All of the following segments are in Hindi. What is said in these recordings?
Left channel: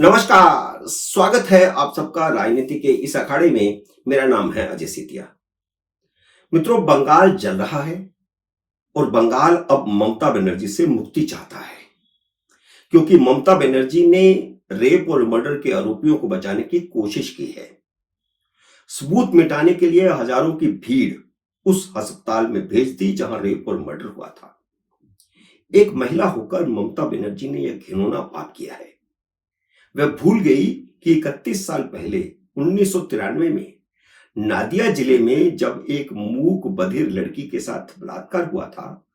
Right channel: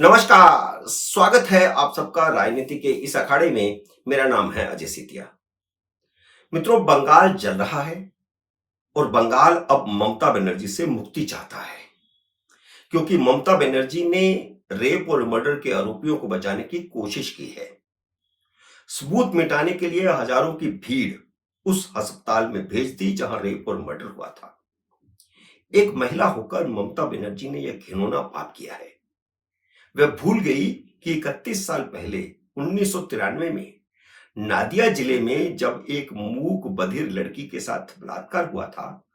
नमस्कार, स्वागत है आप सबका राजनीति के इस अखाड़े में। मेरा नाम है अजय सीतिया। मित्रों, बंगाल जल रहा है और बंगाल अब ममता बनर्जी से मुक्ति चाहता है, क्योंकि ममता बनर्जी ने रेप और मर्डर के आरोपियों को बचाने की कोशिश की है। सबूत मिटाने के लिए हजारों की भीड़ उस अस्पताल में भेज दी जहां रेप और मर्डर हुआ था। एक महिला होकर ममता बनर्जी ने यह घिनौना पाप किया है। वह भूल गई कि 31 साल पहले 1993 में नादिया जिले में जब एक मूक बधिर लड़की के साथ बलात्कार हुआ था,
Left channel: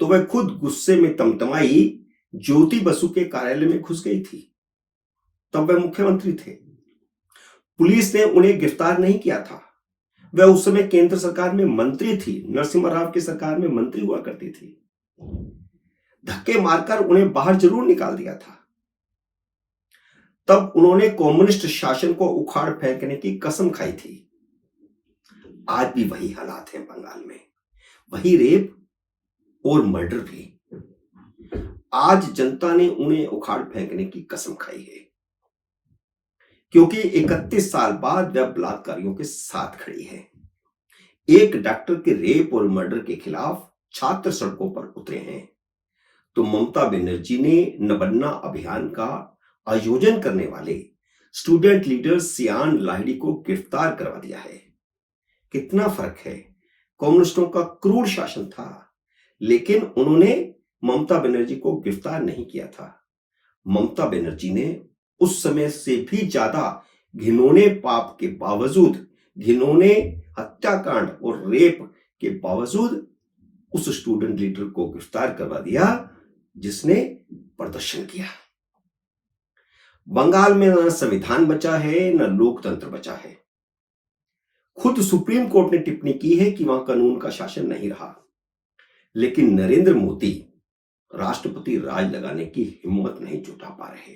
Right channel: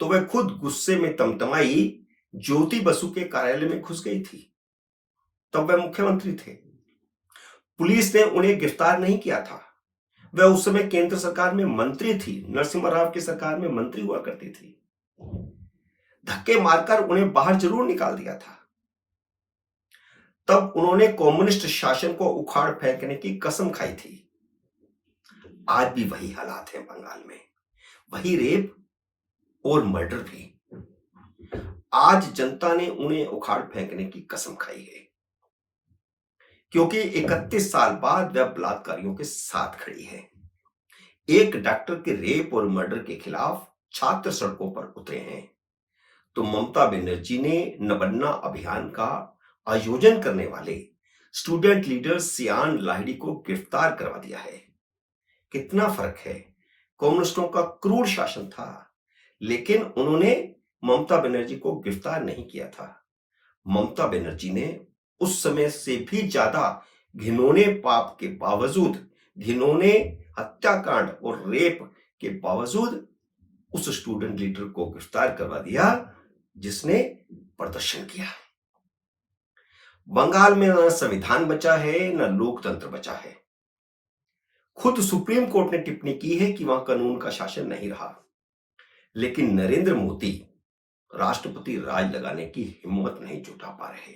तो वह खुद गुस्से में तमतमाई ज्योति बसु के कार्यालय में घुस गई थी। तब वह मुख्यमंत्री थे। पुलिस ने उन्हें गिरफ्तार नहीं किया था। वह उस समय केंद्र सरकार में मंत्री थी, नरसिम्हा राव की सरकार में मंत्री हुआ करती थी। धक्के मारकर उन्हें बाहर जरूर निकाल दिया था। तब उन्होंने कम्युनिस्ट शासन को उखाड़ फेंकने की कसम खाई थी। आज भी वही हालात हैं बंगाल में, वही रेप और मर्डर भी। आज जनता ने उन्हें उखाड़ फेंकने की कसम खाई है, क्योंकि 31 साल बाद वह बलात्कारियों के साथ खड़ी है। एक डॉक्टर के रेप और मर्डर के खिलाफ छात्र सड़कों पर उतरे हैं, तो ममता बनर्जी ने नबन्ना अभियान का आयोजन करने वाले स्टूडेंट लीडर सियान लाहिड़ी को गिरफ्तार करवा दिया है। कितना फर्क है। कम्युनिस्टों का क्रूर शासन था, लेकिन उन्होंने ममता बनर्जी को गिरफ्तार नहीं किया था। ममता बनर्जी ने उस समय से भी ज्यादा घिनौने पाप के बावजूद, घिनौने हत्याकांड और रेप के बावजूद उस स्टूडेंट लीडर को गिरफ्तार करवा दिया जिसने प्रदर्शन किया। बंगाल में न संविधान बचा है, न लोकतंत्र बचा है। खुद सुप्रीम कोर्ट ने टिप्पणी की है कि वहां कानून का शासन नहीं रहा, लेकिन नरेंद्र मोदी राष्ट्रपति राज लगाने की हिम्मत नहीं जुटा पा रहे,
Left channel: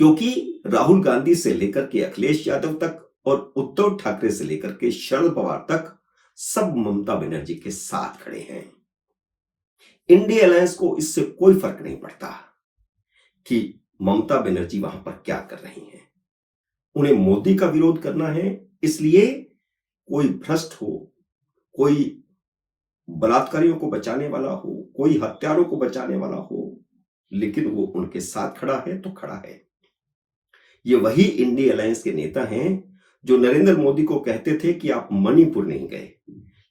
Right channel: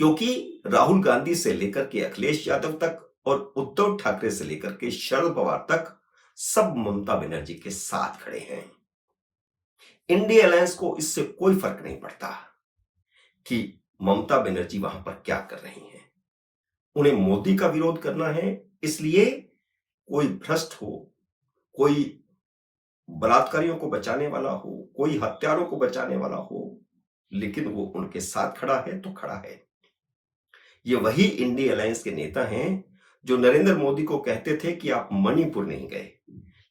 क्योंकि राहुल गांधी से लेकर के अखिलेश यादव तक और उद्धव ठाकरे से लेकर के शरद पवार तक सब ममता बनर्जी के साथ खड़े हैं। इंडिया अलायंस को इससे कोई फर्क नहीं पड़ता कि ममता बनर्जी वहां पर क्या कर रही हैं। उन्हें मोदी का विरोध करना है, इसलिए कोई भ्रष्ट हो, कोई बलात्कारियों को बचाने वाला हो, कोई हत्यारों को बचाने वाला हो, लेकिन वो उनके साथ खड़ा है तो खड़ा है। ये वही इंडिया अलायंस के नेता हैं जो नरेंद्र मोदी को कहते थे कि आप मणिपुर नहीं गए,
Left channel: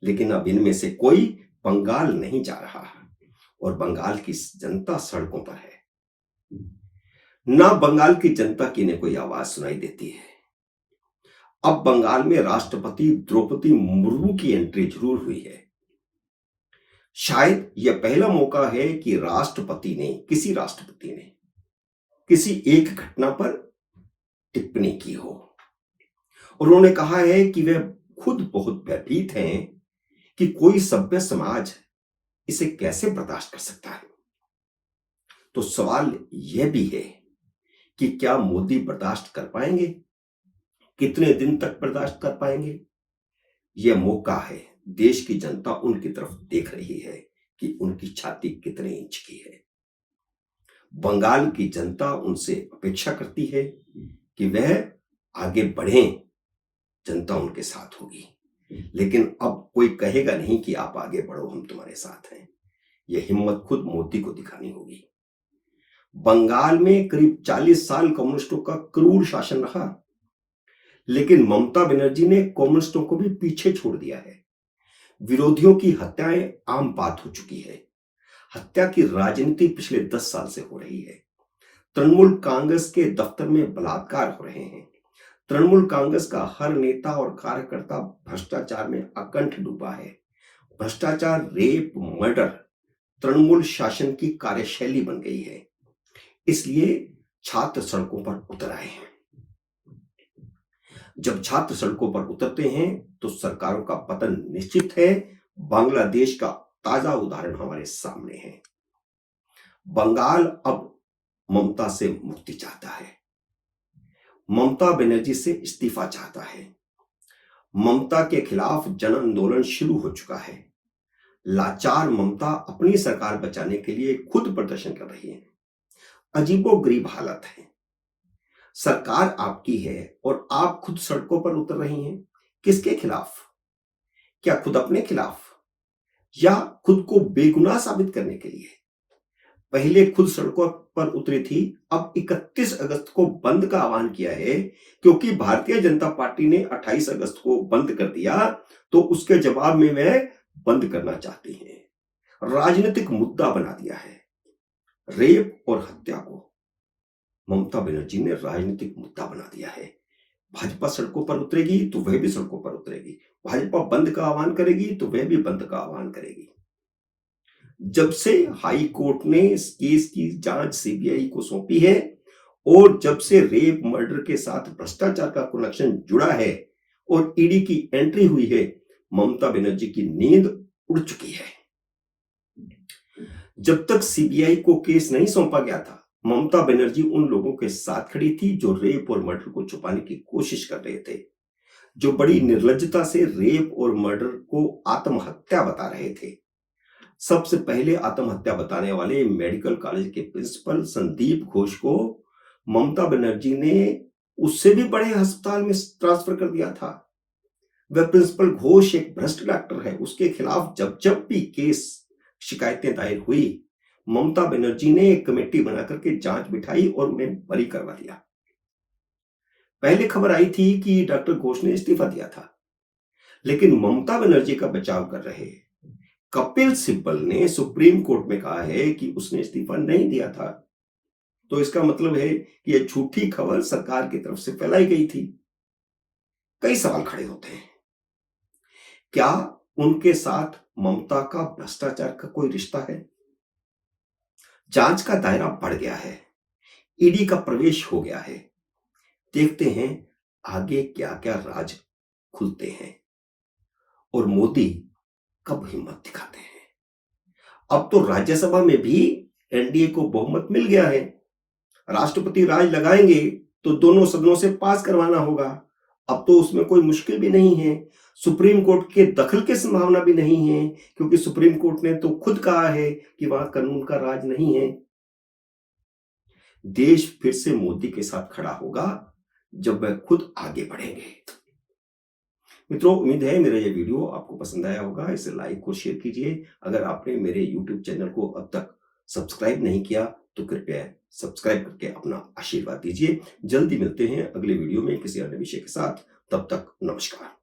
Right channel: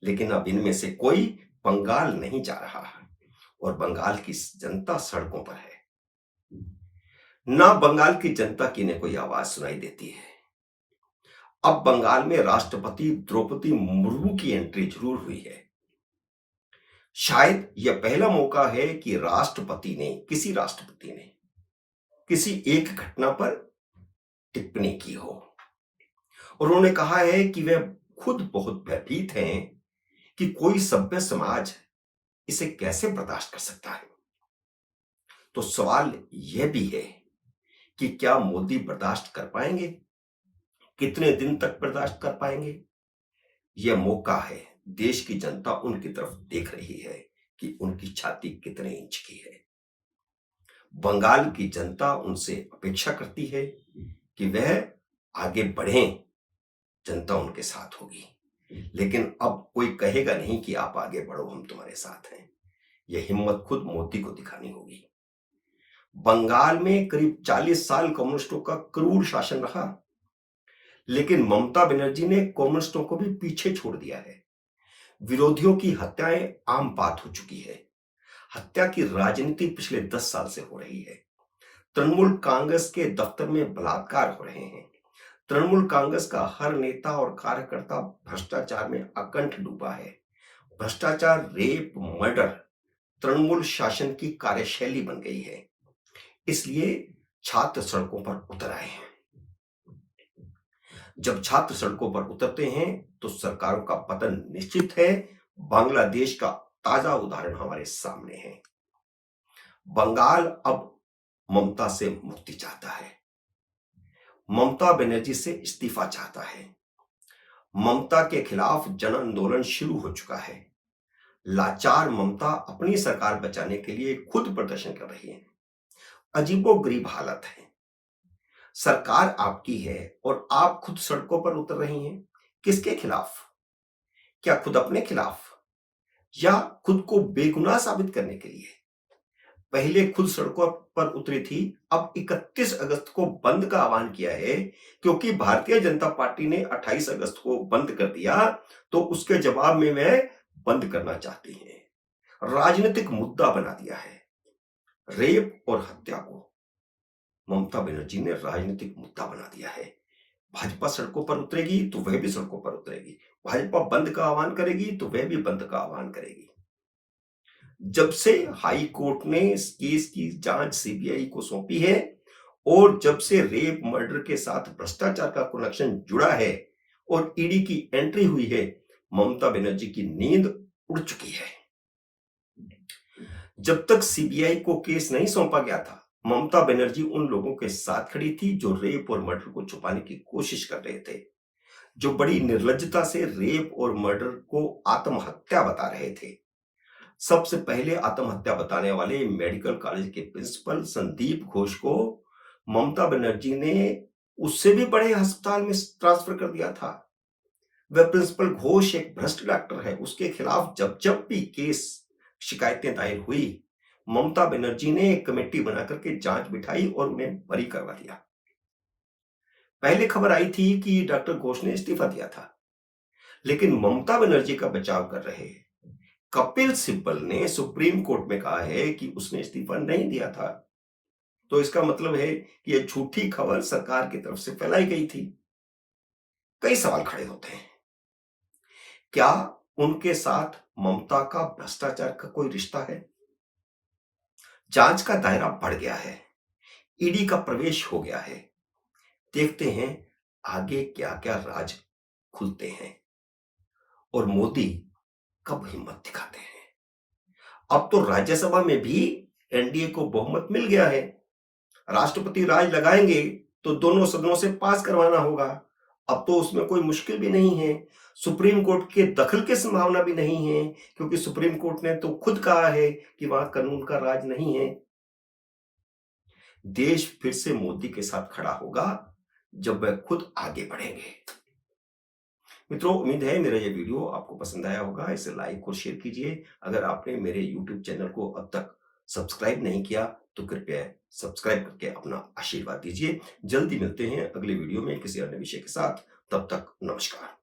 लेकिन अब इनमें से कोई बंगाल नहीं जा रहा और बंगाल की जनता सड़कों पर है। ना बंगाल की जनता की ने कोई आवाज सुनाई देती है। अब बंगाल में राष्ट्रपति द्रौपदी मुर्मू की एंट्री जरूर हुई है। शायद यह पहला मौका है कि किसी राष्ट्रपति ने किसी एक घटना पर टिप्पणी की हो। उन्होंने कहा है कि वे खुद बहुत भयभीत हैं कि कोई सभ्य समाज इसे कैसे बर्दाश्त कर सकता है। तो सवाल यह भी है कि क्या मोदी बर्दाश्त कर पाएंगे? कितने दिन तक बर्दाश्त कर पाएंगे? यह मौका है। देश की जनता उनकी तरफ देख रही है कि उनकी छाती कितने इंच की है। बंगाल की जनता उनसे अपेक्षा करती है कि वह आगे बढ़ें, जनता उनके साथ होगी। लेकिन अब कोई कहेगा नहीं कि आप आगे बढ़ो, हम तुम्हारे साथ हैं। यह हिम्मत खुद मोदी को दिखानी होगी। बंगाल में करीब 40 साल कम्युनिस्टों का क्रूर शासन रहा, लेकिन ममता बनर्जी ने कम्युनिस्टों को भी पीछे छोड़ दिया है। विरोधियों की हत्याएं आम बात हो चुकी है। हत्या की राजनीति पिछले 10 साल से हो रही है। तृणमूल कांग्रेस के दफ्तर में बलात्कार हो रहे हैं। तृणमूल कांग्रेस का हर नेता और कार्यकर्ता भ्रष्टाचार में अकंठ डूबा है। भ्रष्टाचार, रेप, मर्डर तृणमूल शासन की कार्यशैली बन गई है। इसलिए छात्र सड़कों पर उतर आए हैं। जब छात्र सड़कों पर उतरते हैं तो सरकारों का पतन निश्चित है। बांग्लादेश का ताजा उदाहरण हमारे सामने है। बंगाल अब ममता से मुक्ति चाहता है। ममता बनर्जी से इस्तीफा चाहता है। ममता के खिलाफ जन आंदोलन शुरू हो चुका है। लाचार ममता अपनी सरकार बचाने के लिए खुद प्रदर्शन कर रही है। अजीबोगरीब हालत है। सरकार आपकी है और आप खुद सड़कों पर उतर रही हैं। किसके खिलाफ? क्या खुद अपने खिलाफ या खुद को बेगुनाह साबित करने के लिए? पहले खुद सड़कों पर उतरी थी, अब 31 अगस्त को बंद का आह्वान किया है, क्योंकि भारतीय जनता पार्टी ने 28 अगस्त को बंद कर दिया, तो उसके जवाब में वे बंद करना चाहती हैं। राजनीतिक मुद्दा बना दिया है। रेप और हत्या को ममता बनर्जी ने राजनीतिक मुद्दा बना दिया है। भाजपा सड़कों पर उतरेगी तो वह भी सड़कों पर उतरेगी। भाजपा बंद का आह्वान करेगी तो वह भी बंद का आह्वान करेगी। जब से हाई कोर्ट ने इस केस की जांच सीबीआई को सौंपी है और जब से रेप मर्डर के साथ भ्रष्टाचार का कनेक्शन जुड़ा है और ईडी की एंट्री हुई है, ममता बनर्जी की नींद उड़ चुकी है। जब तक सीबीआई को केस नहीं सौंपा गया था, ममता बनर्जी उन लोगों के साथ खड़ी थी जो रेप और मर्डर को छुपाने की कोशिश कर रहे थे, जो बड़ी निर्लज्जता से रेप और मर्डर को आत्महत्या बता रहे थे। सबसे पहले आत्महत्या बताने वाले मेडिकल कॉलेज के प्रिंसिपल संदीप घोष को ममता बनर्जी ने उससे भी बड़े अस्पताल में ट्रांसफर कर दिया था। वह प्रिंसिपल घोष एक भ्रष्ट डॉक्टर है। उसके खिलाफ जब जब भी केस शिकायतें दायर हुई, ममता बनर्जी ने एक कमेटी बनाकर के जांच बिठाई और उन्हें बरी करवा दिया। पहले खबर आई थी कि डॉक्टर घोष ने इस्तीफा दिया था, लेकिन ममता बनर्जी का बचाव कर रहे कपिल सिब्बल ने सुप्रीम कोर्ट में कहा है कि उसने इस्तीफा नहीं दिया था। तो इसका मतलब है कि यह झूठी खबर सरकार की तरफ से फैलाई गई थी। कई सवाल खड़े होते हैं। क्या उनके साथ ममता का भ्रष्टाचार का कोई रिश्ता है? जांच का दायरा बढ़ गया है, ईडी का प्रवेश हो गया है। देखते हैं आगे क्या क्या राज खुलते हैं और मोदी कब हिम्मत दिखाते हैं। अब तो राज्यसभा में भी एनडीए को बहुमत मिल गया है। राष्ट्रपति राज लगाएंगे तो दोनों सदनों से पास करवाना होगा। अब तो उसमें कोई मुश्किल भी नहीं है। सुप्रीम कोर्ट के दखल की संभावना भी नहीं है, क्योंकि सुप्रीम कोर्ट ने तो खुद कहा है कि वहां कानून का राज नहीं है। देश फिर से मोदी के साथ खड़ा होगा जब वह खुद आगे बढ़ेंगे। मित्रों, उम्मीद है मेरा यह वीडियो आपको पसंद आया होगा। इसे लाइक और शेयर कीजिए। अगर आपने मेरे यूट्यूब चैनल को अब तक सब्सक्राइब नहीं किया तो कृपया सब्सक्राइब करके अपना आशीर्वाद दीजिए। जल्दी मिलते हैं अगले वीडियो में किसी अन्य विषय के साथ। तब तक नमस्कार।